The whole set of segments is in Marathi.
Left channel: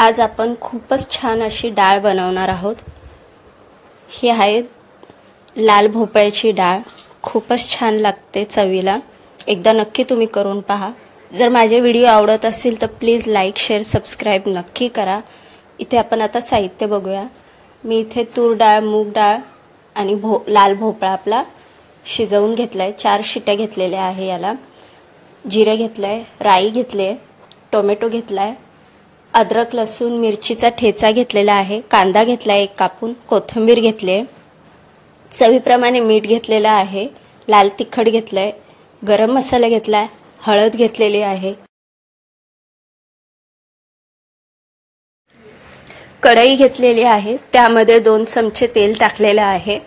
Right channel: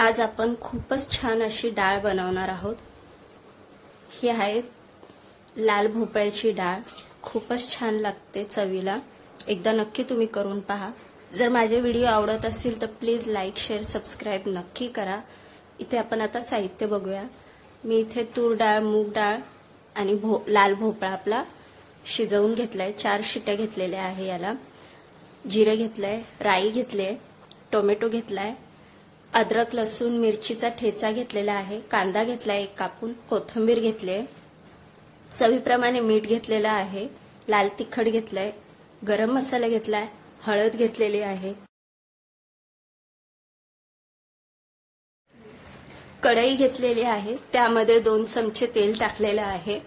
आज आपण खूपच छान अशी डाळ बनवणार आहोत। ही आहे लाल भोपळ्याची डाळ। खूपच छान लागते चवीला। एकदा नक्की तुम्ही करून पहा। जर माझे व्हिडिओ आवडत असेल तर प्लीज लाईक शेअर सबस्क्राइब नक्की करा। इथे आपण आता साहित्य बघूया। मी इथे तूर डाळ, मूग डाळ आणि लाल भोपळा आपला शिजवून घेतलाय। 4 शिट्या घेतलेल्या आहे याला। जिरे घेतलाय, राई घेतले, टोमॅटो घेतलाय, अद्रक लसूण मिरचीचा ठेचा घेतलेला आहे, कांदा घेतलाय एक कापून, कोथिंबीर घेतले, चवीप्रमाणे मीठ घेतलेलं आहे, लाल तिखट घेतलंय, गरम मसाला घेतलाय, हळद घेतलेली आहे। कढई घेतलेली आहे, त्यामध्ये 2 चमचे तेल टाकलेले आहे।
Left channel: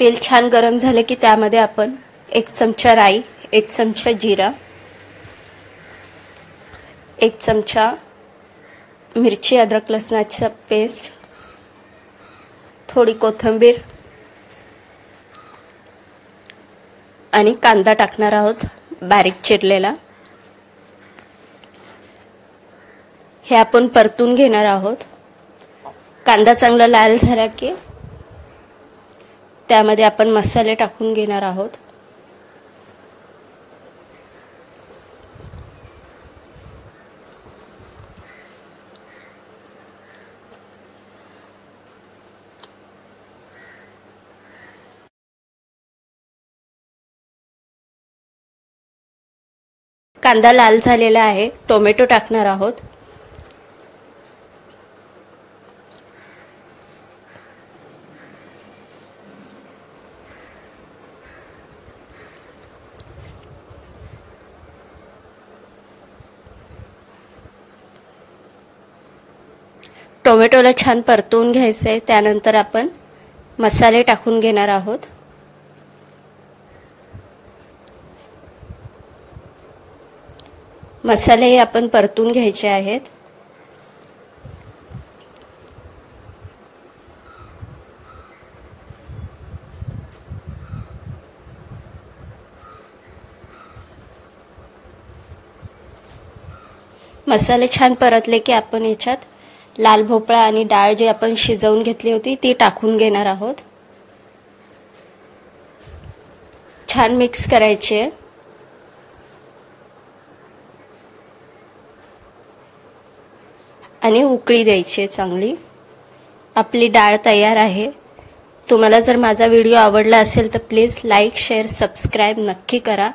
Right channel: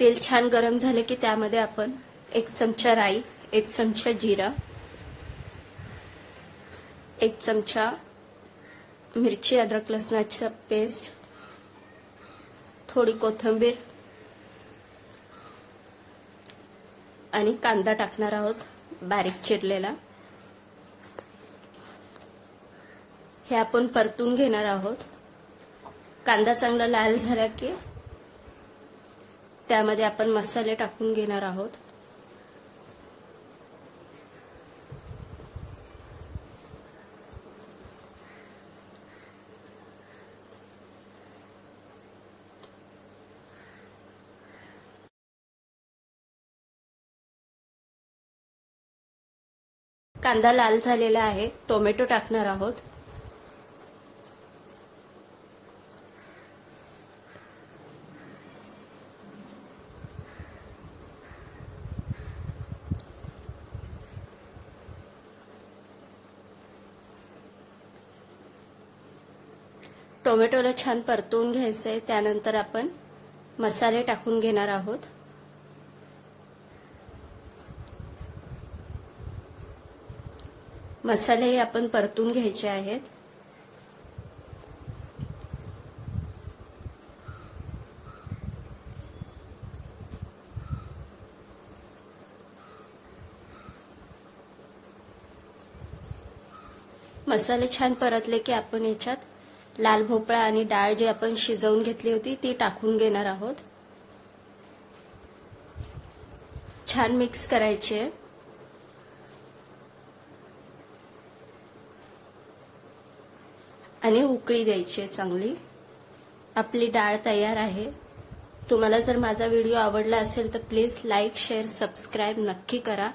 तेल छान गरम झाले की त्यामध्ये आपण 1 चमचा राई, 1 चमचा जिरा, 1 चमचा मिरची अद्रक लसणाची पेस्ट, थोडी कोथिंबीर आणि कांदा टाकणार आहोत बारीक चिरलेला। हे आपण परतून घेणार आहोत। कांदा चांगला लाल झाला की त्यामध्ये आपण मसाले टाकून घेणार आहोत। कांदा लाल झालेला आहे। टोमॅटो टाकणार आहोत। टोमॅटोला छान परतवून घ्यायचे। त्यानंतर आपण मसाले टाकून घेणार आहोत। मसाले आपण परतून घ्यायचे आहेत। मसाले छान परतले की आपण याच्यात लाल भोपळा आणि डाळ जी आपण शिजवून घेतली होती ती टाकून घेणार आहोत। छान मिक्स करायचे आणि उकळी द्यायची चांगली। आपली डाळ तयार आहे। तुम्हाला जर माझा व्हिडिओ आवडला असेल तर प्लीज लाईक शेअर सबस्क्राइब नक्की करा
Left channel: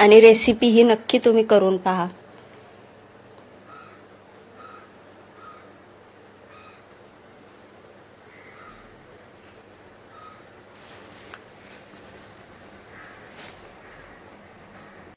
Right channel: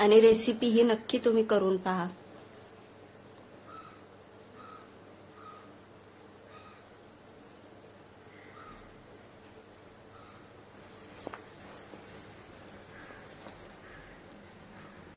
आणि रेसिपी ही नक्की तुम्ही करून पहा।